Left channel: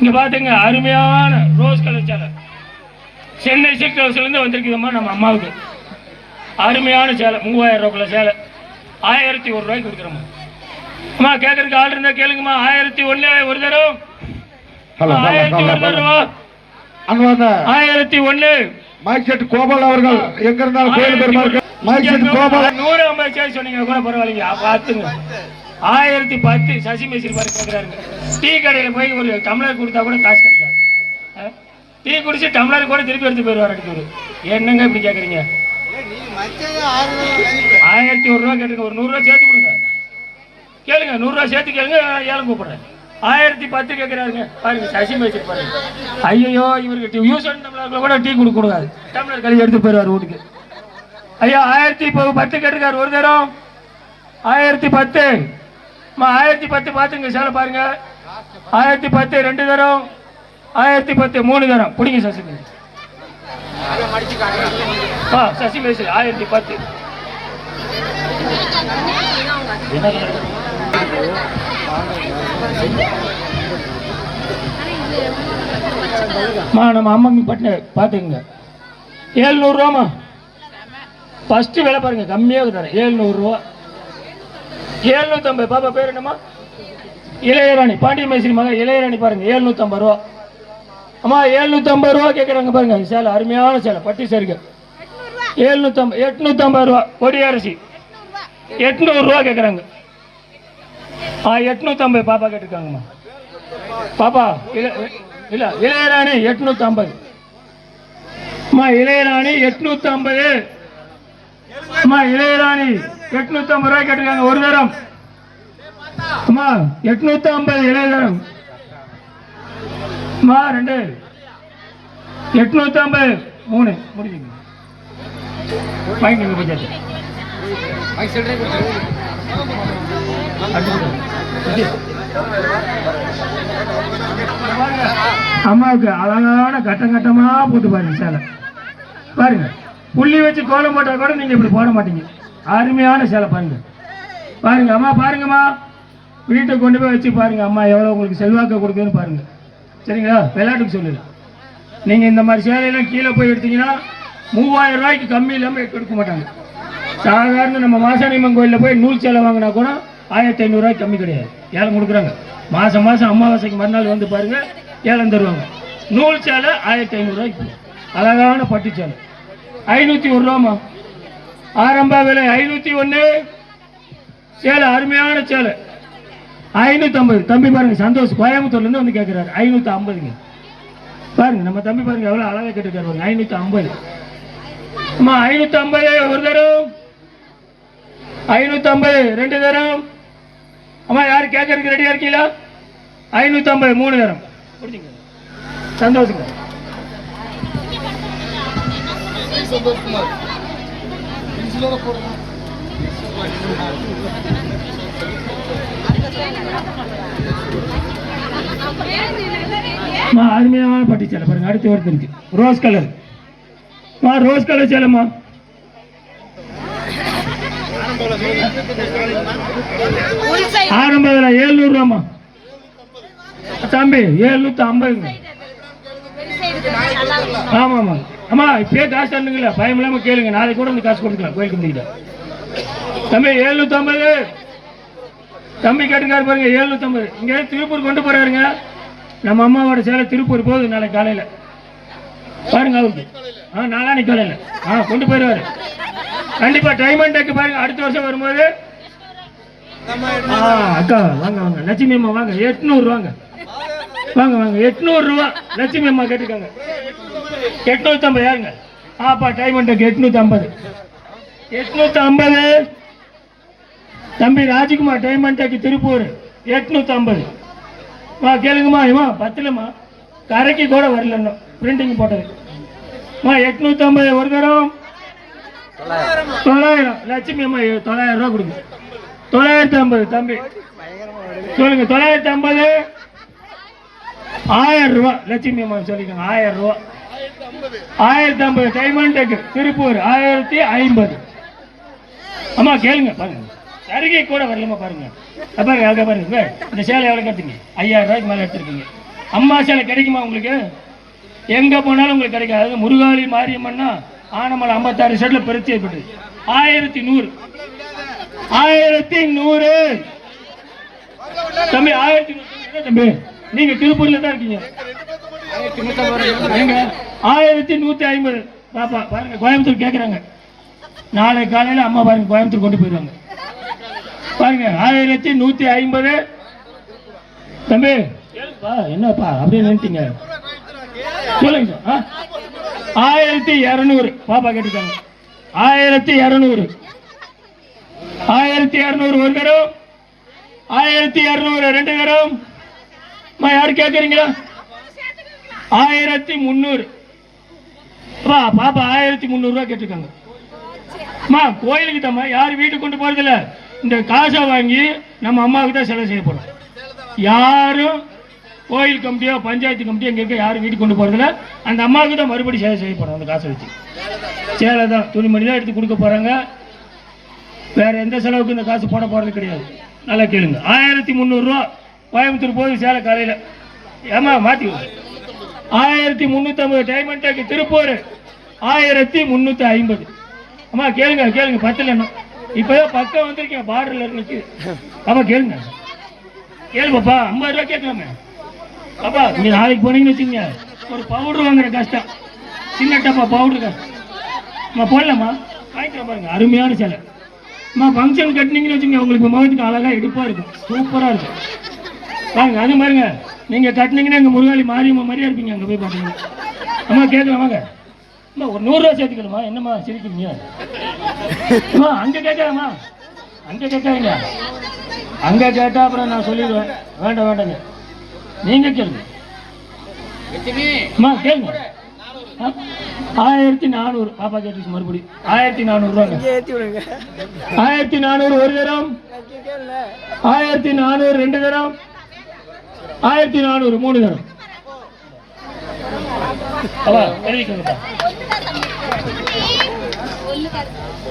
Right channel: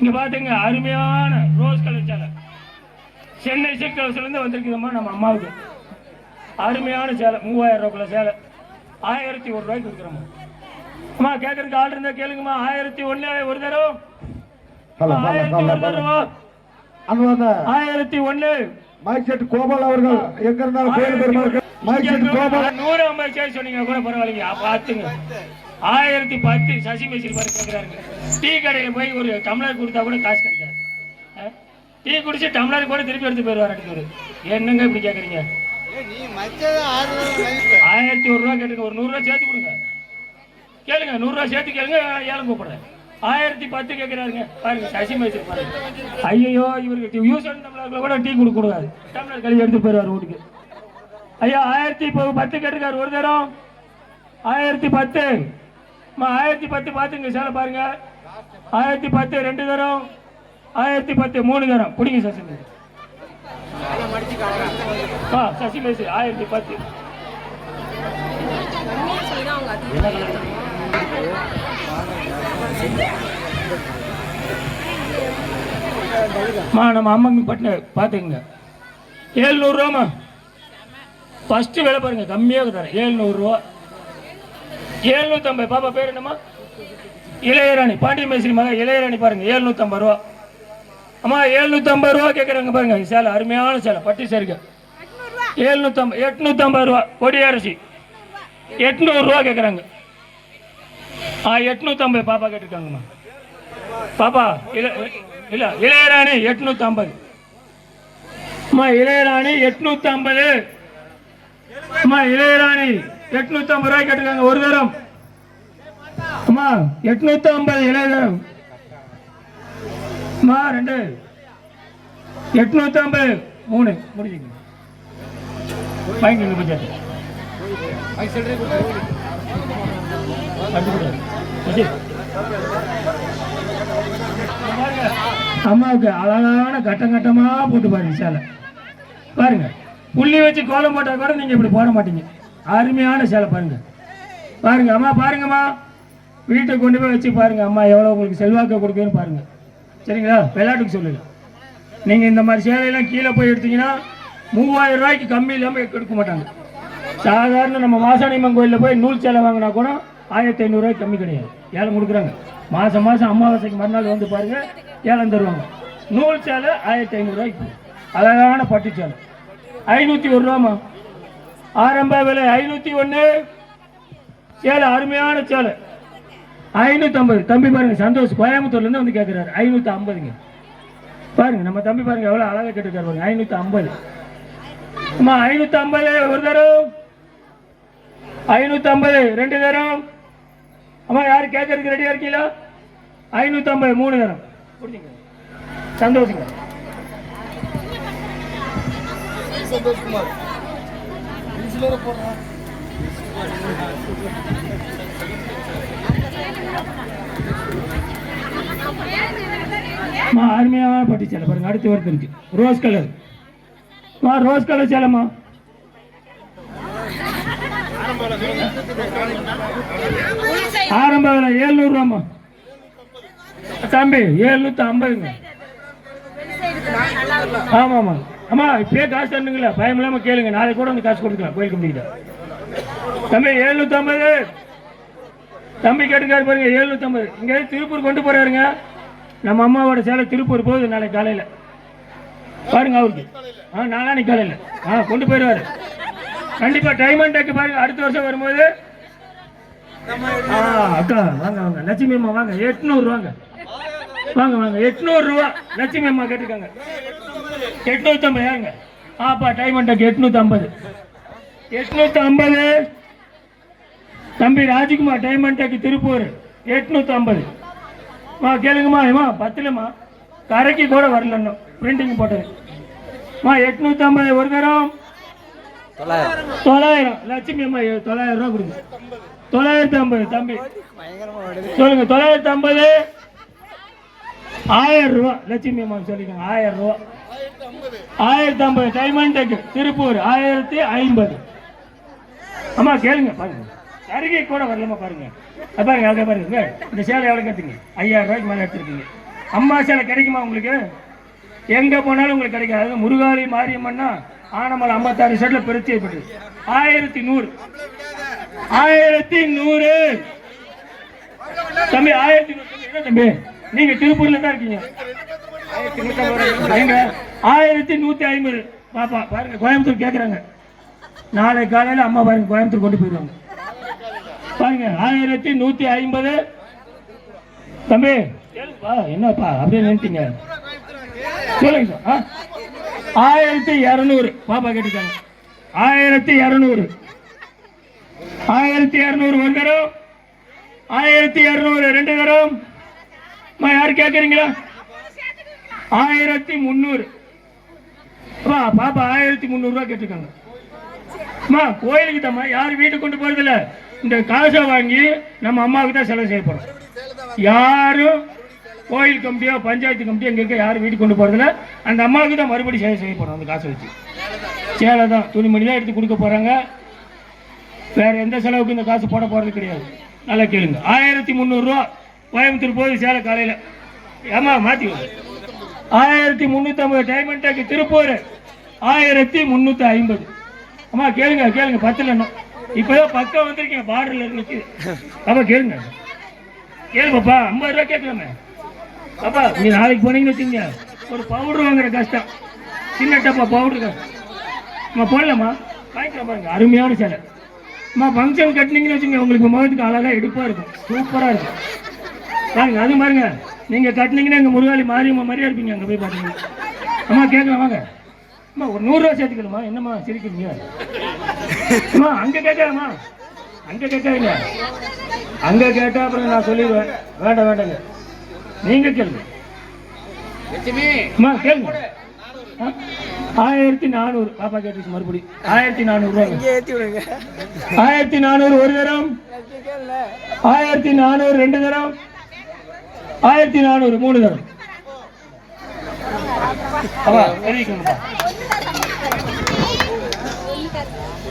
இங்க பாத்துங்க, அருமையான ரோஸ் கலர் சேலை சென்னை சில்க் ஹவுஸ்ல இருந்து வந்திருக்குதுமா. நம்ம அம்மாவுக்கு அருமையான சேலை 3000 ரூபாய்க்குள்ள சேலை 1001 ரூபாய்க்கு கொடுக்குறோம்மா. அம்மா கேட்கறதுக்கு ஆள் இருந்தா கேளுங்கம்மா. 1001 ஒரு தரம் 1001 ரூபா 1001. மைசெட் கோபால் அவர்கள் எங்க இருந்தாலும் கோயில் பெருமாள் மைசெட் கோபால் 150 சேர் சொன்னீங்க கூட பரவாயில்லைங்க. பார்த்துங்க 1010 சசி மேசில் மாதிரி கேட்குறாருங்க. டீ கடையில் போய் ஒரு டம்ளர் கொடுத்தா கூட காசு கிடைக்காது. டீ குடிச்சு டம்ளர் கூட திருப்பி எடுத்து போயிடுவார் அடுத்தது. என்னங்க இப்படி கேட்குறீங்க? 1001 ரூபா கேட்டுங்க. ஒரு 100 ரூபா சேர்த்து கொடுங்க. கேளுங்க, 100 ரூபா சேர்த்து கேளுங்க. ஏழை கூப்பிடுறேன். 1010 கேட்குறாருங்க. பாருங்க சசி மேசில் பாருங்க. ஐயோ இவருக்கு யூஸ் பண்ண டம்ளர்ல கூட டீ கொடுக்கூடாது. டம்ளர் கழிச்சு எடுத்து போயிடுவார் வீட்டுக்கு. ஐயா 1010 கேட்டுக்காரு ஒரு தரம் 1010. 1010 பார்த்துங்க சேலை பாருங்க. 1010 2 தரம் 1010 3 தரம் பிடிங்க சசி மேசி. சசி மேசி 1010. நம்ம அம்மாங்க பட்டின பார்த்துக்குங்க. 700 ரூபாமா ஃபர்ஸ்ட் விலை பாருங்க. கம்மியாக தரேன் 700 ரூபா 750. பாப்பா பேர் என்னம்மா? இளையராணி. பாண்டிய மேஸ்திரி மகன் இளையராணி பாருங்க 750 ரூபா. அம்மா 750 ரூபா கேட்குறாங்க பாருங்க. சேலை அருமையான சேலை பட்டி சேருங்க. 750 850 ரூபா. கொடியரசி 800 ரூபா கேட்குறாங்க. 850 பாப்பா கேட்டுருக்காங்கம்மா. பாப்பா இல்ல இளையராணி 850. அம்மா இளையராணி 850. அம்மா இளையராணி 850 ரூபாய் கேட்டுருக்காங்க ஒரு தரம். அம்மா 850 இளையதரம். அம்மா 2 850 3 முடிஞ்சுங்க. வாங்கிக்கோங்க டீச்சர். அம்மாவுக்கு அழகான கட்டம் கட்டமா போட்டு பாருங்க சேலை பாருங்க. புள்ளி வச்சு கோலம் போட்டா கூட நீங்க இப்படி போட மாட்டீங்க. அருமையான சேலை பாருங்க. பாருங்க அம்மா பாருங்கம்மா. வீட்டை கொண்டு போய் வச்சு பாருங்க அம்மா எவ்வளோ உங்களுக்கு செல்வாக்க கொடுக்குதுன்னு பாருங்க. சரிங்களா? விளையாட்டுக்கு சொல்லுங்க. நீங்க இந்த மாதிரி சேலையெல்லாம் கீழே போய் எடுத்தீங்கன்னா 3000 ரூபாய்க்கு கம்மி இல்லாமல் எடுக்க மாட்டாங்க. சாதாரண நம்ம மாசாணியம்மன் கோயிலில் போய் நூல் சேலை வாங்கினா கூட 1500 ரூபாய்க்கு கம்மி கிடையாது. ஏலம் கொடுக்குறாங்க. மாதம் மாதம் அமாவாசைக்கு மறுநாள் வந்து பாருங்க ஏலம் தருவாங்க. நூல் சேலை 1500 ரூபாய்க்கு. அழகான பட்டு சேலை 501 ரூபாமா. ஆரம்ப விலை 501. சேலை அருமையான சேலை 550. தம்பி பாருங்க சந்தோஷ் கோயம்புத்தூர்லேருந்து வந்து கேட்குறாரு 550. பாருங்க நம்ம தம்பி பாருங்க எவ்வளோ அழகாக கேட்டுருக்காரு பாருங்க 550. அம்மா 550 ஒரு தரம் 550 2 தரம். அம்மா யார் கேட்கறதுக்கு ரெடியா இருக்கீங்களா? 550 3 தரம் புரிஞ்சுங்க. சந்தோஷங்க. சந்தோஷ்குமார் அருமையான பட்டு சேலை பாருங்க. அடுத்து ஒருத்தர் இருக்கு ரோஸ் கலர். ரோஸ் கலர் சேலைமா ஆரம்ப விலை 700 ரூபாமா. தம்பி 750. ஆமாம்மா. அம்மா இப்பயே காசு தரணுங்களா? பயம் இல்லாமல் கேளுங்க. நாளைக்கு கூட வந்து காசு கொடுக்கலாம் கோயில் கம்பெனிக்கிட்ட. தம்பி 750. தம்பி கேட்டுக்காரு பாருங்க 750. இங்கே திருப்பூர் கொண்டு போறாருங்க. நம்ம அம்மாவோட சேலை திருப்பூர் போகுது நாளைக்கு காலையில் பாருங்க. அவருக்கு நாளானிக்கு காலையில் கொண்டு போயிடுவாரு கண்டிப்பா. டைமண்ட் டேக்கு பாருங்க அடுத்த வருஷம் வரும்போது. அக்கா வாங்க வாங்க லட்சுமி அம்மா வாங்க 800 ரூபாங்க. வாங்க வாங்க 800 ரூபா லட்சுமி அம்மா கேட்டுக்காங்க. 850 யாருங்க? டைமண்ட் டேக்கு 850. 850. தம்பி ராஜ்குமார் டைமண்ட் டேக்கு திருப்பூர் 850. கேளுங்கம்மா. ஏமா 10லம்மா கரைக்கு கூட வரல இன்னும் பிரிண்டிங் போட்டது. 850 ஒரு தரம் 900. லட்சுமி அம்மா 900 ரூபா கொடுங்க. 950 தம்பி சொல்லுங்க. 950 1000 ரூபா லட்சுமி அம்மா சொல்லிக்கோங்க. 1000 ரூபா 1050 டைமண்ட் டேக்கு திருப்பூர் 1050. அம்மா கேளுங்க பாருங்க. அருகே கூட வரலமா பாருங்க. பாருங்க பாருங்க இந்த சேலை எவ்வளோ கட்டுங்க? 5000 ரூபாய்க்கு மேலே எடுத்துருக்கீங்க. அம்மா சேலை கிடைக்குமா உங்களுக்கு? எங்க போனாலும் உங்களுக்கு கிடைக்காது. அதாவது முருகாளி மாரியம்மன்னா ஆனமலை 56 செட்ல பெருத்தி ஏற்பட்டு 1100 தம்பி 1100 என்ன தம்பி நீங்க திருப்பூர்ல தான் இருக்கீங்க. 1150 பாப்பா பாருங்க கோயம்புத்தூர் கேட்குறாங்க. நாளை காலையில் அம்மா பாருங்க கோயம்புத்தூர் கொண்டு போயிடுவாங்க பாருங்க. 1150 தம்பி என்னப்பா அப்படியே நினைத்தீங்க சொல்லுங்க சார். 1200 பாப்பா கேட்டுக்காங்க. 1200 ஒரு தரம் 1200 2 தரம். யாரு கேட்குறீங்களா? 1300 பாப்பா 1300 ரூபா கேட்டிருக்காங்க. கோயிலுக்கு தம்மா யாரும் வீட்டுக்கு கொண்டு போறதில்ல. இந்த காசை வாங்கி நம்ம அம்மாவுக்கு தான் செலவு செய்யப்படும். யாரும் கோயில் கமிட்டியோ பஞ்சாயத்து கமிட்டியோ எங்க யாரும் வீட்டுக்கு கொண்டு போறதில்ல. அந்த அம்மாவுக்கு தான் மறுபடியும் செலவு செய்யப்படும். அந்த காசை வச்சு சேலை தான் துணிமணி தான் எடுத்து கொடுக்க போறாங்க. வேற எந்த செலவுக்கு இந்த காசு போட போறது கிடையாது. நல்லா கேளுங்க. 1300 ரூபா கோயம்புத்தூர் போகுது சேலை காலையில். ஏமா மாற்றி 1350 டைமண்ட் டேக்கு திருப்பூர் 1350. அம்மா கேளுங்க 10 எண்ணம் இப்பதான் 10 வந்திருக்கீங்க பார்டர்ல இருக்கு. அப்பா கேளுங்க கேளுப்பா 50 ரூபா கேட்கலாமே. அப்பா நீங்க நாளைக்கு போனீங்கன்னு வச்சுங்க ஒரு பவுடர் வாங்குற கஷ்டம். சின்ன டப்பா பவுடர் போடலாமா வாங்கிக்கலாம் பாருங்க. அருமையான சேலை அம்மா ஃபங்க்ஷன் கட்டினீங்கன்னு வச்சுங்க உங்களுக்கு முகத்துக்கு அழகா எடுப்பா இருக்கும். சூப்பரா இருக்கும் பாருங்க. அது பாருங்க நீங்க கட்டினீங்கன்னா எங்க முருகாளி மாரியம்மா மாதிரியா இருப்பீங்க. அங்க போய் பாத்தீங்கன்னா அம்மா கேட்கலாம் வாங்க. அம்மா ஒரு 100 ரூபா சேர்த்துக்கணுமா? என்னம்மா சிரிக்கிறீங்க? அம்மா அங்க கேட்காதம்மா அங்க கேட்காதீங்க. அங்க கேட்டா அப்புறம் நான் சொல்லிடுவேன். வேண்டாங்க நீங்க கேளுங்க. அம்மா கேளுங்க. 1400 பாப்பா கேட்டுச்சு மறுபடியும் 1400 1400 ஒரு தரம் 1400 2 தரம் 1400 3 தரம். தெரிவிக்கணும்ப்பா.